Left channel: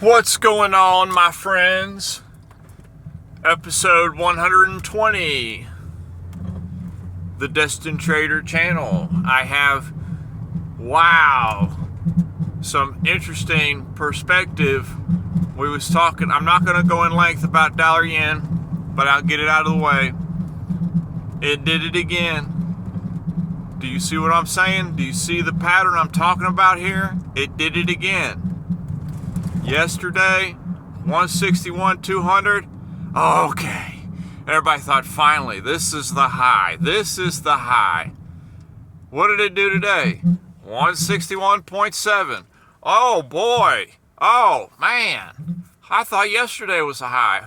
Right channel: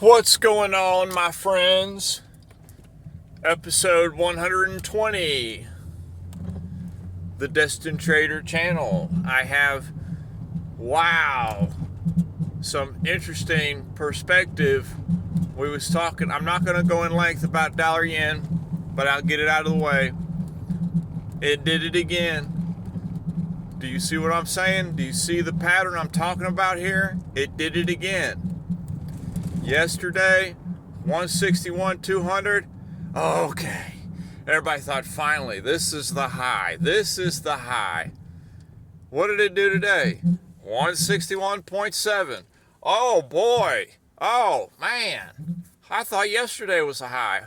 What's going on, my friends? Episode 120, the Destined Trader channel. I have, some interesting perspective. We was talking, I'm not going to go in length about dollar yen, but I'll get it out of the way. It did it again. Do you see what I'm saying? Do you see the pattern I'm talking about here? It did it again. Yesterday, 161, 200. Okay. Everybody thought, finally, this is the high. This is the high. What did it do today? 161.7. Oh, boy. Oh, man. I thought yesterday was the high.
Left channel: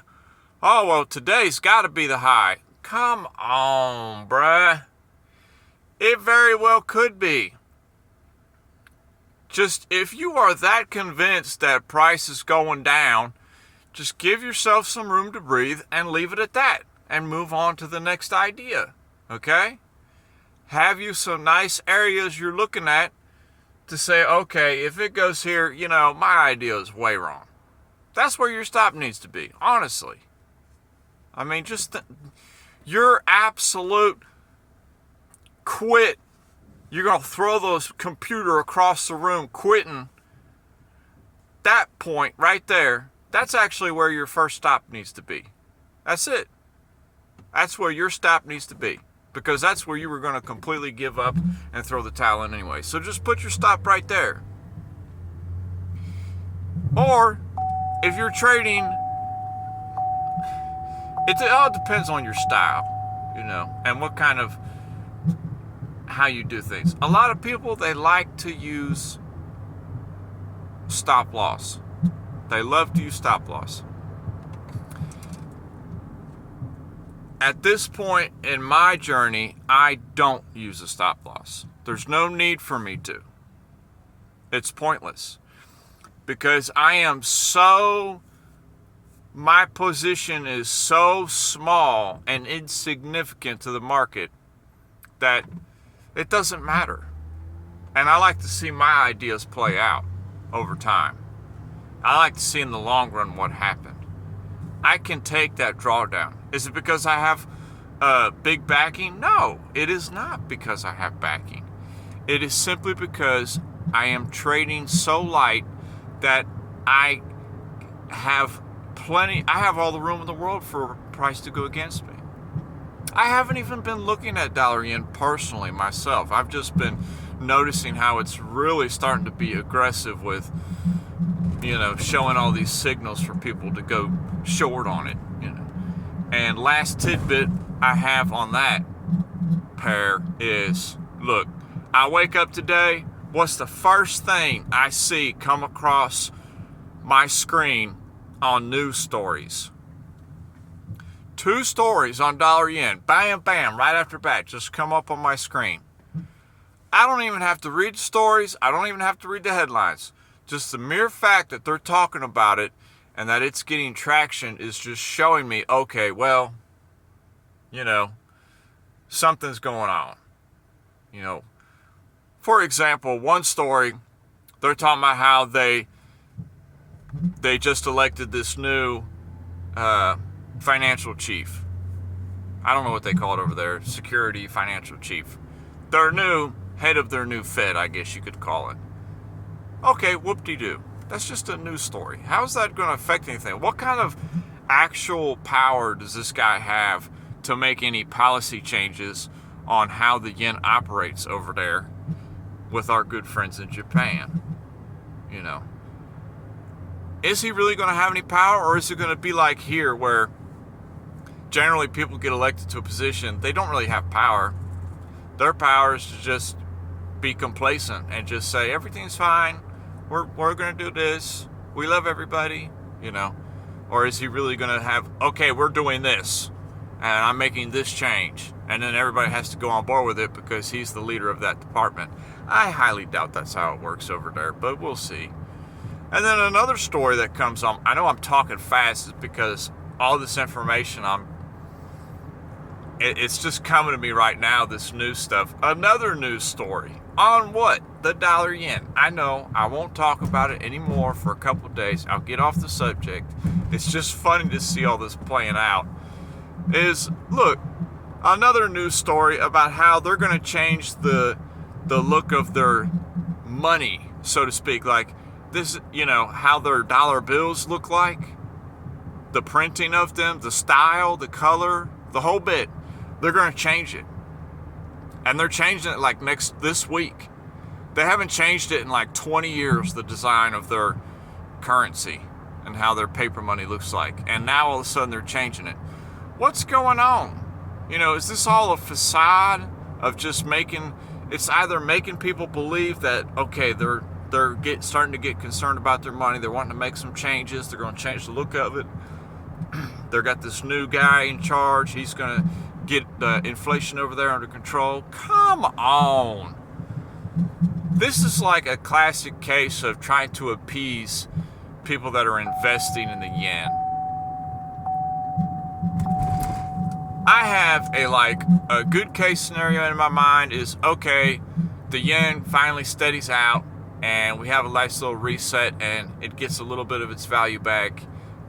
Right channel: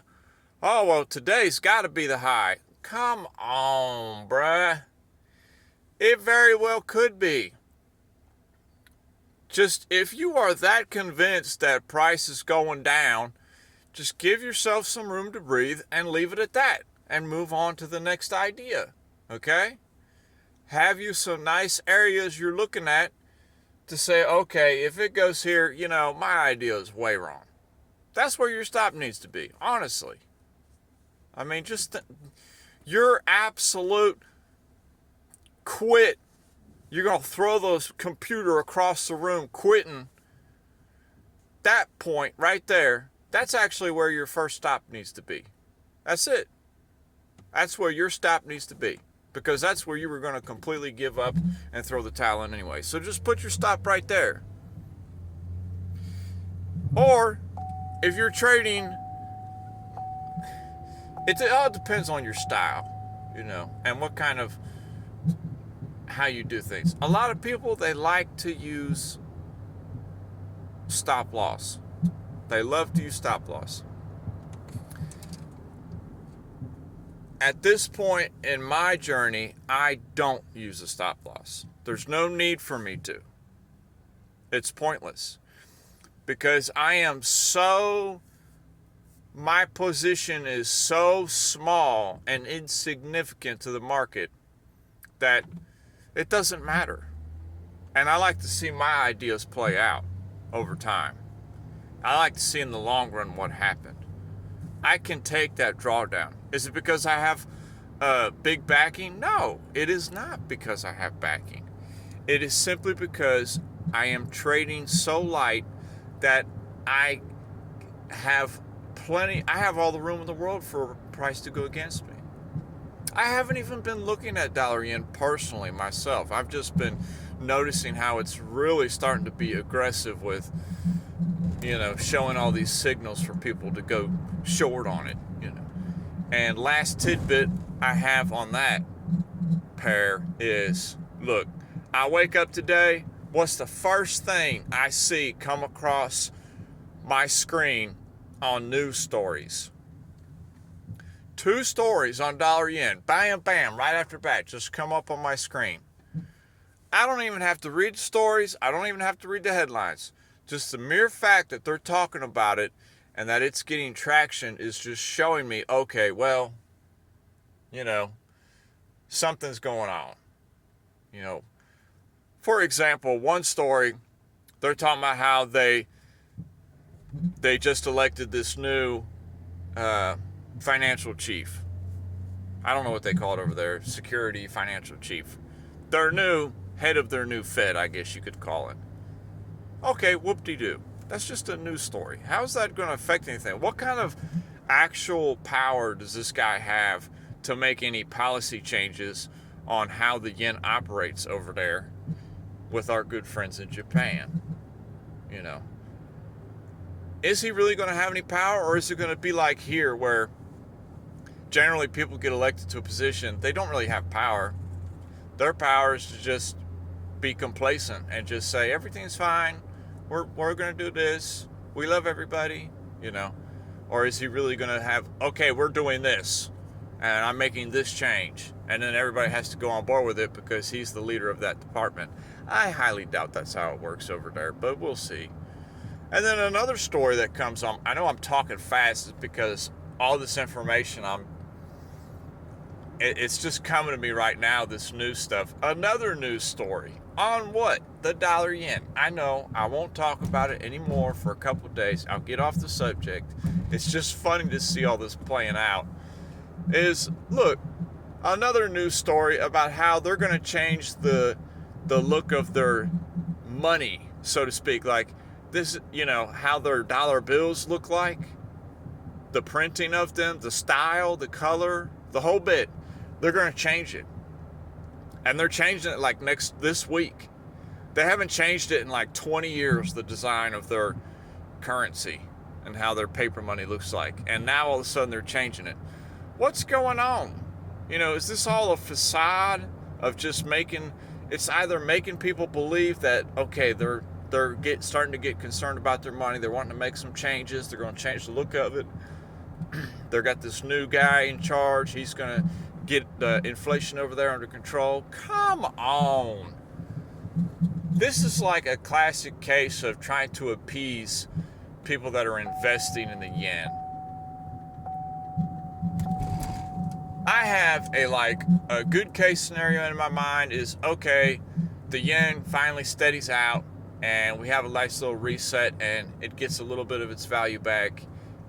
Oh, well, today's got to be the high. Come on, bruh. It very well could be. Just, if you are that convinced that price is going down, just give yourself some room to breathe and leave it at that and move on to the next idea, okay? Have you some nice areas you're looking at to say, okay, if it goes here, my idea is way wrong. That's where your stop needs to be, honestly. I mean, your absolute quit. You're going to throw those computer across the room quitting. That point right there, that's actually where your first stop needs to be. That's it. That's where your stop needs to be. Because that's where you were going to completely give up and throw the towel in anyway. So just put your stop right there. Or, if you're trading, it all depends on your style, and what kind of, how you do things. A lot of people, they like to use stop loss. They love to use stop loss. At this point in my journey, I don't use a stop loss. There's no need for me to. It's pointless. Because my position is so small and insignificant to the market that it doesn't matter. And I like to see my ideas play out over time. I like to see in the long run what happened. I can take that drawdown. Is it because I have big backing? No, it is not because I have backing. It is simply because I am trading so light that I have all the room in the world for price to go against me. I haven't even been looking at dollar yen personally myself. I've just been noticing how it's really starting to be aggressive with, showing all these signals for people to go short on it, And last tidbit I have on that pair is, look, I wake up today, what's the first thing I see come across my screen on news stories? 2 stories on dollar yen, bam, bam, right after back, just come up on my screen. I don't even have to read the stories. I don't even have to read the headlines. Just the mere fact that they're talking about it and that it's getting traction is just showing me, okay, well, something's going on. For example, one story, they're talking about how they just elected this new financial chief. I don't know what they call it over there. Security financial chief. Their new head of their new Fed, I guess you could call it. Okay, whoop-de-doo. That's just a news story. How is that going to affect anything? What kind of actual power does this guy have to make any policy changes on how the yen operates over there with our good friends in Japan? Is he really going to have any power, or is it going to be like here where generally people get elected to a position, they don't really have power. Their power is to just be complacent and just say, everything's fine, we're going to do this, we love everybody, Or is he really going to have, okay, we're doing this, and I'm making this change, and then everybody has to go on board with it because he's the leader of that department? I highly doubt that's how it works over there, but we'll see. And then another story that comes on, I know I'm talking fast, is because all this information, it's just coming to me right now, this news stuff. Another news story On what? The dollar yen. I know I won't talk about it anymore for a couple of days. I'll get off the subject. It's just funny to see all this playing out. Look, another news story about how they're going to change the look of their money, so to speak. Like this, how their dollar bills look like, the printing of them, the style, the color, the whole bit. They're going to change it. And they're changing it like this week. They haven't changed it in like 20 years, the design of their currency and how their paper money looks like. And now all of a sudden they're changing it. What's going on? Is this all a facade of just it's either making people believe that, okay, they're starting to get concerned about their money, they're wanting to make some changes, they're going to change the look of it. They've got this new guy in charge, he's going to get the inflation over there under control. Come on. This is like a classic case of trying to appease people that are investing in the yen. I have a good case scenario in my mind is, okay, the yen finally steadies out and we have a nice little reset and it gets a little bit of its value back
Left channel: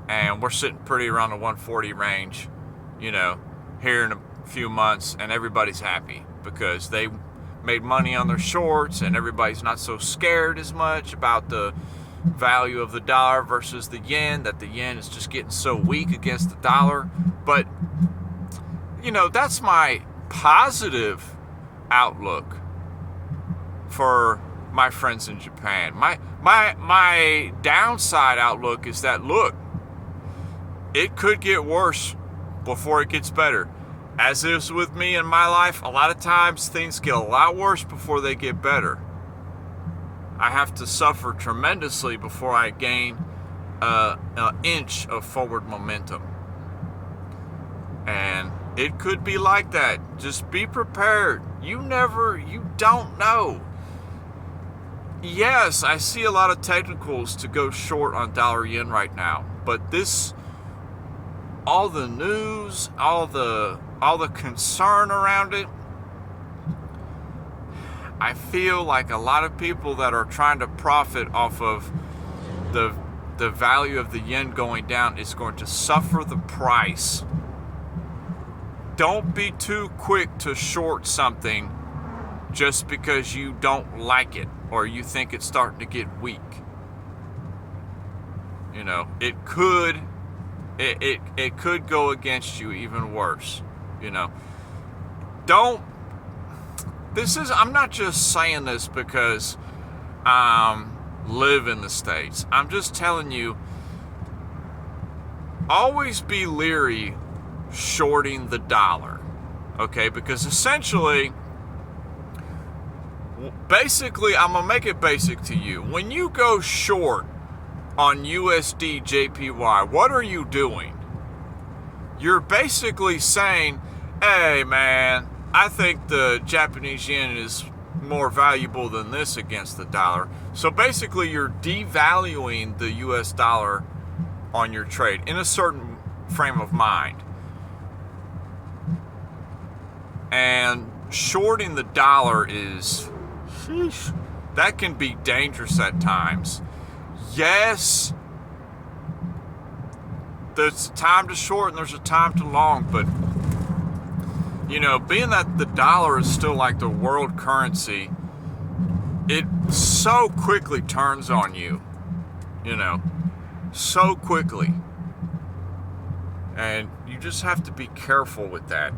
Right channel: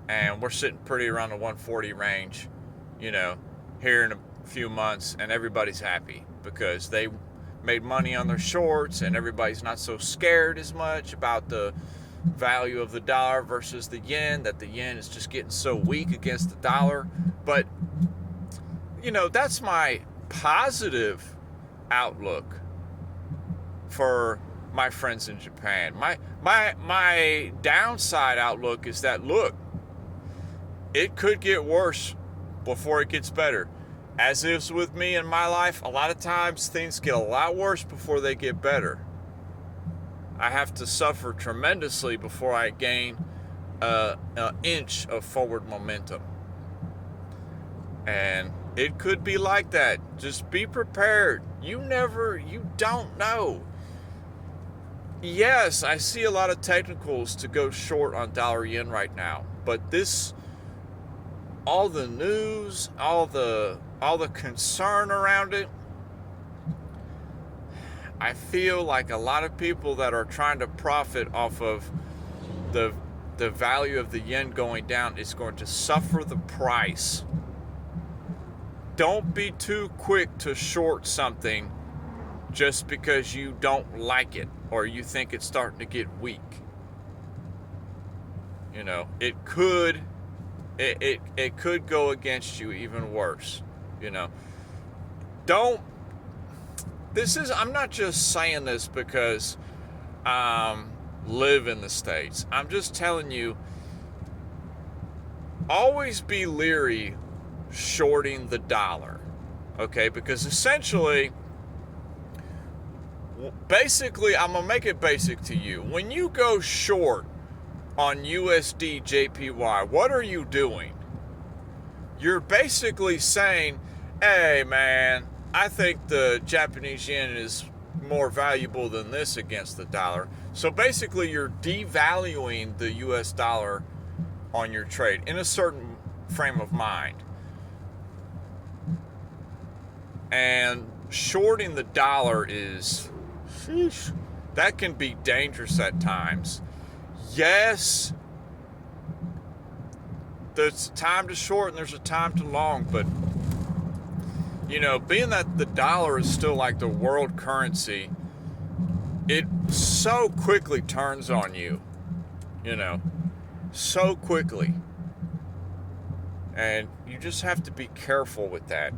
and we're sitting pretty around the 140 range, here in a few months, and everybody's happy because they made money on their shorts and everybody's not so scared as much about the value of the dollar versus the yen, that the yen is just getting so weak against the dollar. But that's my positive outlook for my friends in Japan. My downside outlook is that, look, it could get worse before it gets better. As is with me in my life, a lot of times things get a lot worse before they get better. I have to suffer tremendously before I gain an inch of forward momentum. And it could be like that. Just be prepared. You don't know. Yes, I see a lot of technicals to go short on dollar yen right now, but all the news, all the concern around it, I feel like a lot of people that are trying to profit off of the value of the yen going down is going to suffer the price. Don't be too quick to short something just because you don't like it or you think it's starting to get weak. It could go against you even worse. I'm not just saying this because live in the States. I'm just telling you, always be leery shorting the dollar, okay? Because essentially, basically, I'm gonna make it basic to you. When you go short on USD JPY, what are you doing? You're basically saying, hey man, I think the Japanese yen is more valuable than this against the dollar. So basically you're devaluing the US dollar on your trade in a certain frame of mind. And shorting the dollar that can be dangerous at times. Yes, there's a time to short and there's a time to long, but being that the dollar is still like the world currency, it so quickly turns on you, so quickly. And you just have to be careful with that.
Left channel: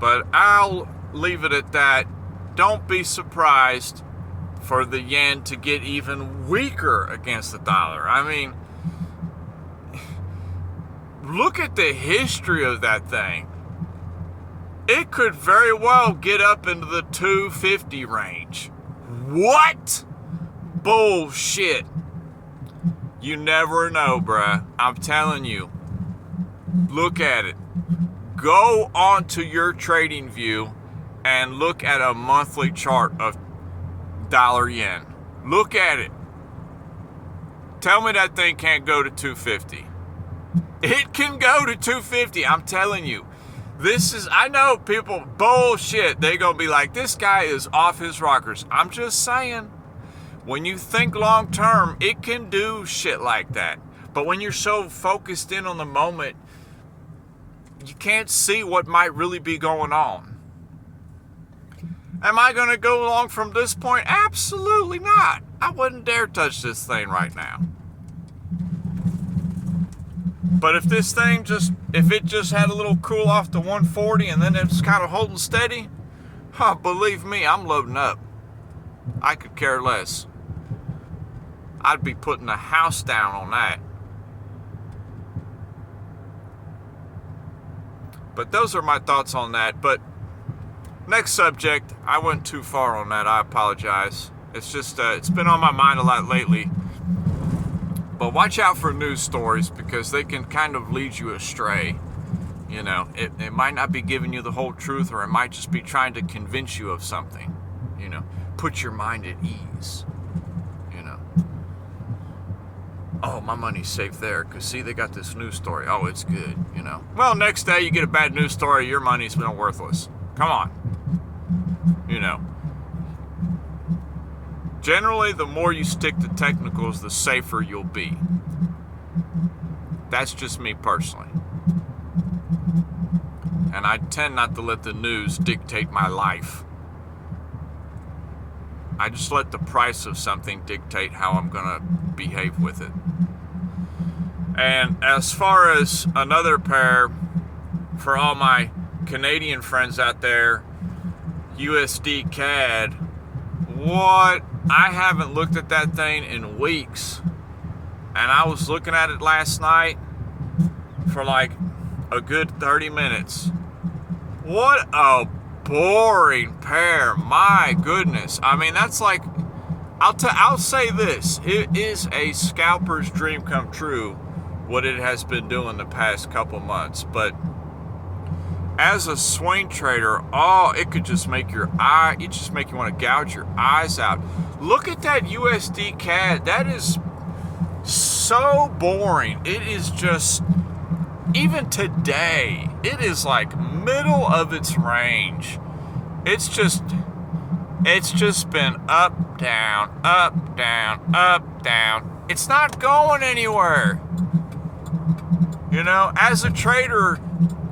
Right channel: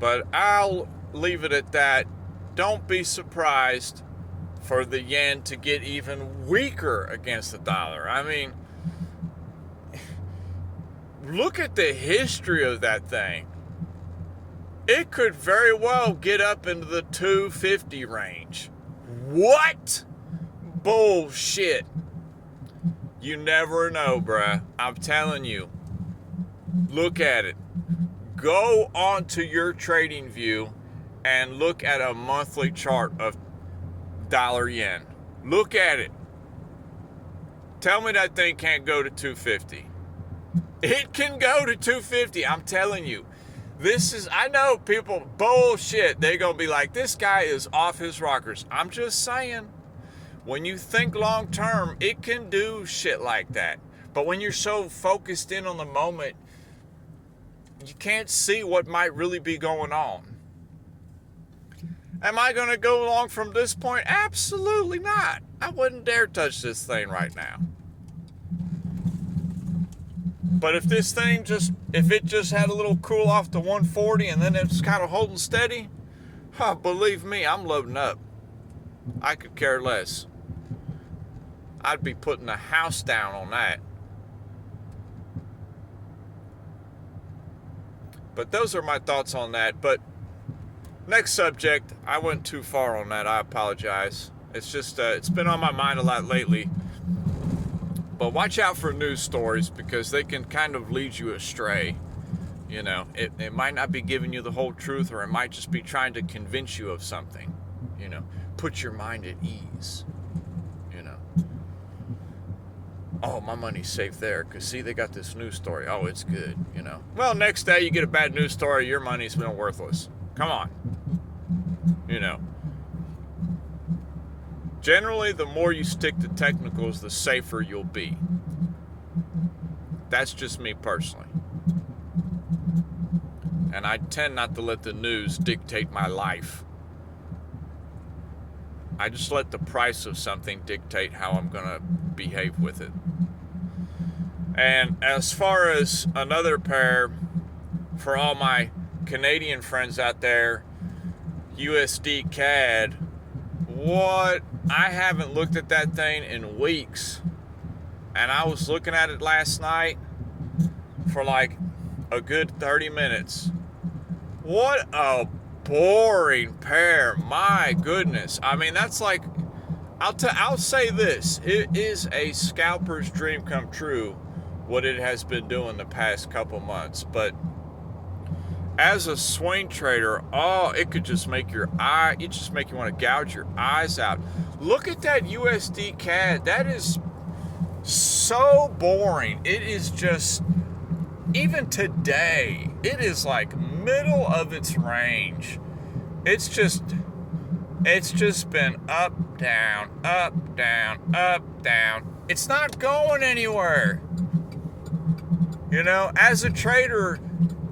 But I'll leave it at that. Don't be surprised for the yen to get even weaker against the dollar. I mean, look at the history of that thing. It could very well get up into the 250 range. What? Bullshit. You never know, bruh. I'm telling you. Look at it. Go onto your trading view and look at a monthly chart of dollar yen. Look at it. Tell me that thing can't go to 250. It can go to 250, I'm telling you. I know people, bullshit. They're going to be like, this guy is off his rockers. I'm just saying, when you think long term, it can do shit like that. But when you're so focused in on the moment, you can't see what might really be going on. Am I going to go along from this point? Absolutely not. I wouldn't dare touch this thing right now. But if this thing if it just had a little cool off to 140 and then it's kind of holding steady, believe me, I'm loading up. I could care less. I'd be putting the house down on that. But those are my thoughts on that. But next subject, I went too far on that. I apologize. It's just, it's been on my mind a lot lately. But watch out for news stories because they can kind of lead you astray. You know, it might not be giving you the whole truth, or it might just be trying to convince you of something. You know, put your mind at ease. You know, oh, my money's safe there because see, they got this news story. Oh, it's good. You know, well, next day you get a bad news story, your money's been worthless. Come on. You know. Generally, the more you stick to technicals, the safer you'll be. That's just me personally. And I tend not to let the news dictate my life. I just let the price of something dictate how I'm going to behave with it. And as far as another pair, for all my Canadian friends out there, USD CAD, what? I haven't looked at that thing in weeks. And I was looking at it last night for like a good 30 minutes. What a boring pair. My goodness. I mean, that's like, I'll say this. It is a scalper's dream come true, what it has been doing the past couple months. But as a swing trader, it could just make you want to gouge your eyes out. Look at that USD CAD. That is so boring. It is just, even today, it is like middle of its range. It's just been up, down, up, down, up, down. It's not going anywhere. You know, as a trader,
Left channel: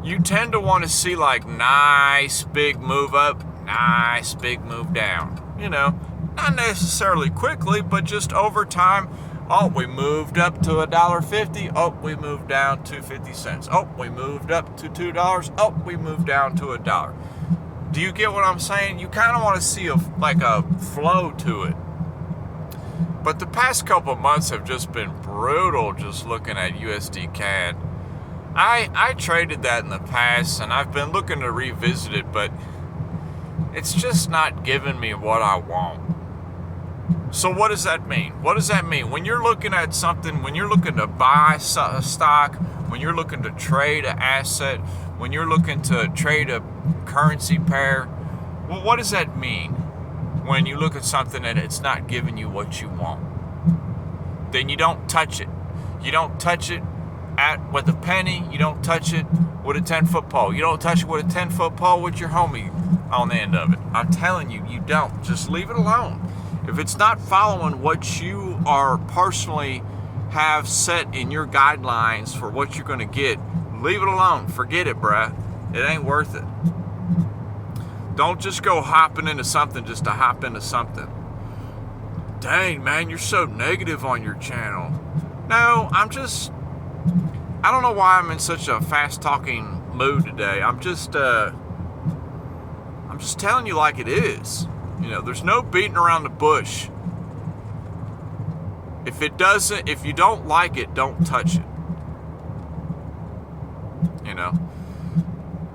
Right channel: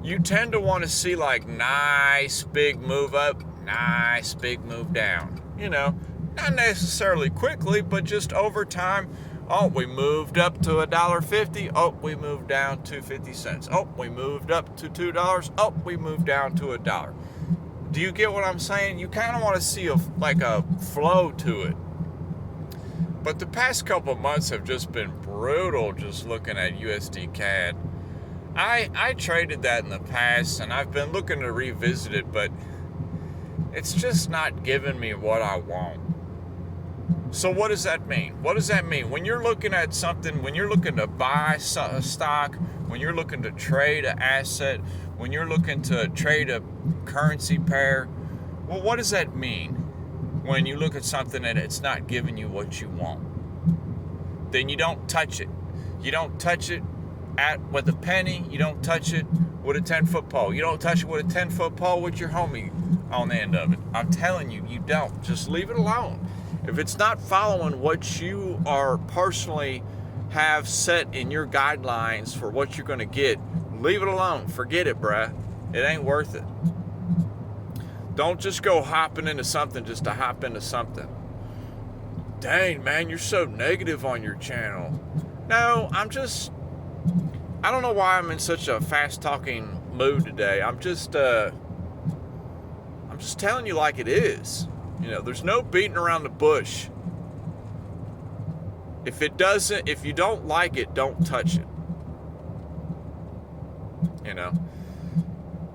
you tend to want to see like nice big move up, nice big move down. You know, not necessarily quickly, but just over time. Oh, we moved up to $1.50. Oh, we moved down to 50 cents. Oh, we moved up to $2. Oh, we moved down to $1. Do you get what I'm saying? You kind of want to see a flow to it. But the past couple months have just been brutal just looking at USD CAD. I traded that in the past, and I've been looking to revisit it, but it's just not giving me what I want. So what does that mean? What does that mean? When you're looking at something, when you're looking to buy a stock, when you're looking to trade an asset, when you're looking to trade a currency pair, well, what does that mean when you look at something and it's not giving you what you want? Then you don't touch it. You don't touch it with a penny. You don't touch it with a 10-foot pole. You don't touch it with a 10-foot pole with your homie on the end of it. I'm telling you, you don't. Just leave it alone. If it's not following what you are personally have set in your guidelines for what you're going to get, leave it alone. Forget it, bruh. It ain't worth it. Don't just go hopping into something just to hop into something. Dang, man, you're so negative on your channel. No, I don't know why I'm in such a fast-talking mood today. I'm just telling you like it is. You know, there's no beating around the bush. If you don't like it, don't touch it. You know,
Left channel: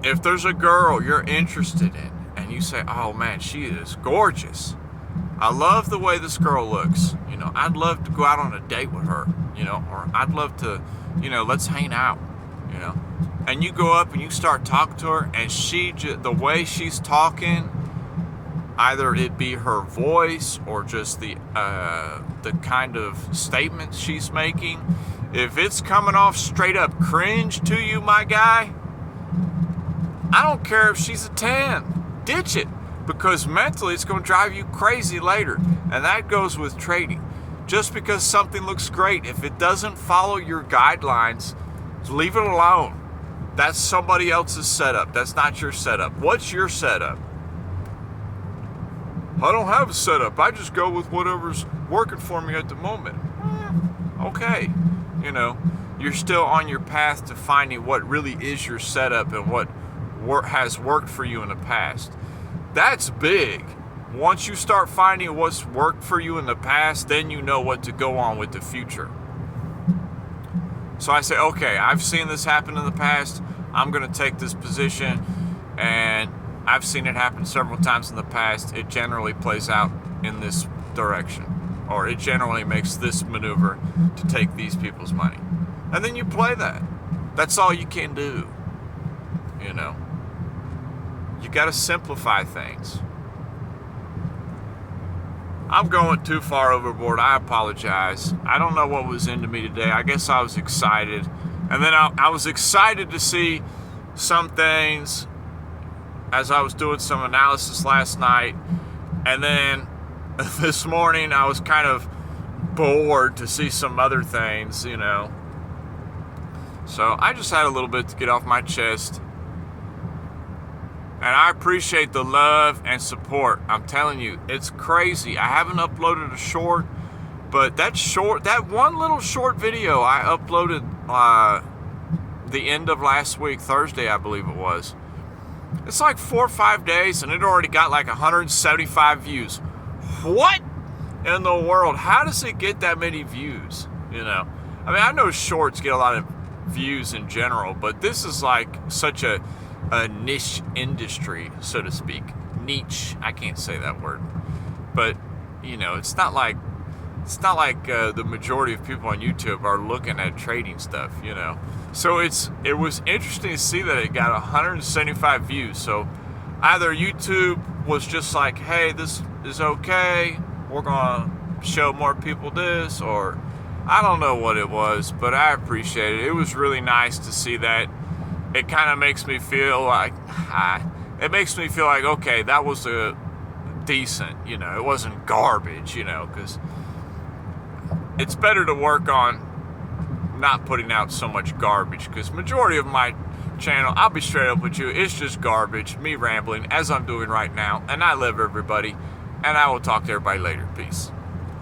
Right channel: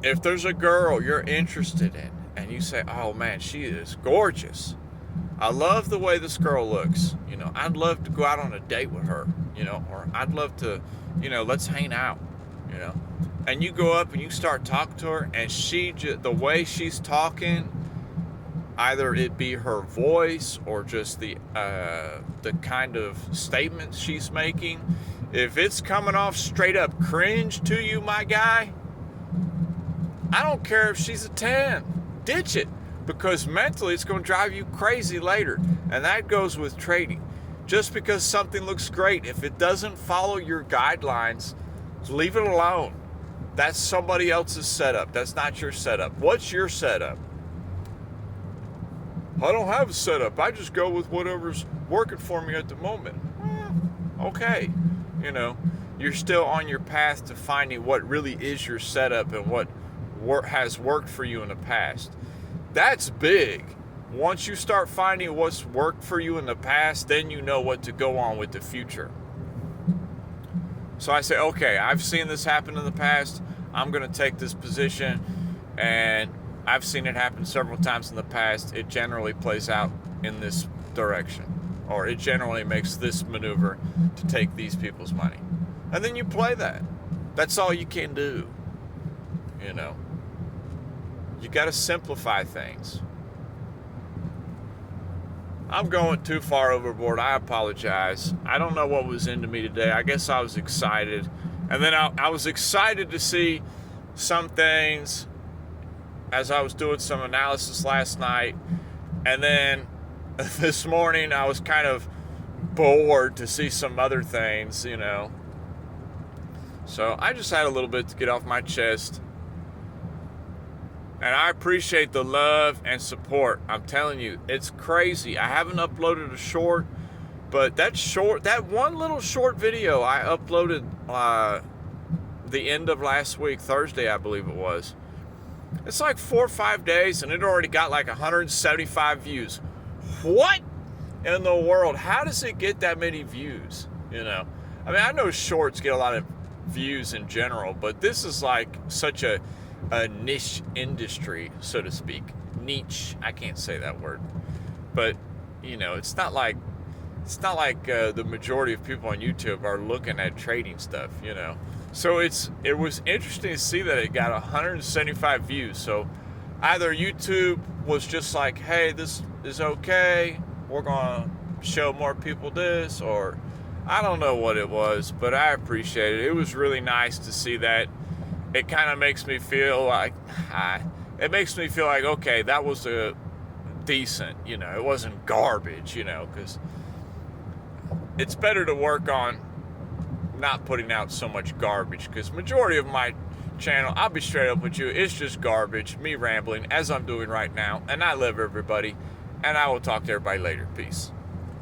if there's a girl you're interested in and you say, oh man, she is gorgeous. I love the way this girl looks. You know, I'd love to go out on a date with her, you know, or I'd love to, you know, let's hang out, you know. And you go up and you start talking to her, and the way she's talking, either it be her voice or just the kind of statements she's making, if it's coming off straight up cringe to you, my guy, I don't care if she's a 10. Ditch it, because mentally it's going to drive you crazy later. And that goes with trading. Just because something looks great, if it doesn't follow your guidelines, leave it alone. That's somebody else's setup. That's not your setup. What's your setup? I don't have a setup. I just go with whatever's working for me at the moment. Okay. You know, you're still on your path to finding what really is your setup and what has worked for you in the past. That's big. Once you start finding what's worked for you in the past, then you know what to go on with the future. So I say, okay, I've seen this happen in the past. I'm going to take this position, and I've seen it happen several times in the past. It generally plays out in this direction, or it generally makes this maneuver to take these people's money. And then you play that. That's all you can do. You know, you got to simplify things. I'm going too far overboard. I apologize. I don't know what was into me today. I guess I was excited. And then I was excited to see some things as I was doing some analysis last night. And then this morning I was kind of bored to see some other things, you know. So I just had a little bit to get off my chest. And I appreciate the love and support. I'm telling you, it's crazy. I haven't uploaded a short, but that one little short video I uploaded the end of last week, Thursday, I believe it was. It's like 4 or 5 days, and it already got like 175 views. What in the world? How does it get that many views? You know, I mean, I know shorts get a lot of views in general, but this is like such a niche industry, so to speak. Niche, I can't say that word, but you know, it's not like the majority of people on YouTube are looking at trading stuff, you know. So it was interesting to see that it got 175 views. So either YouTube was just like, hey, this is okay, we're gonna show more people this, or I don't know what it was, but I appreciate it. It was really nice to see that. It kind of makes me feel like, okay, that was a decent, you know, it wasn't garbage, you know, because it's better to work on not putting out so much garbage, because majority of my channel, I'll be straight up with you, it's just garbage, me rambling, as I'm doing right now, and I love everybody, and I will talk to everybody later. Peace.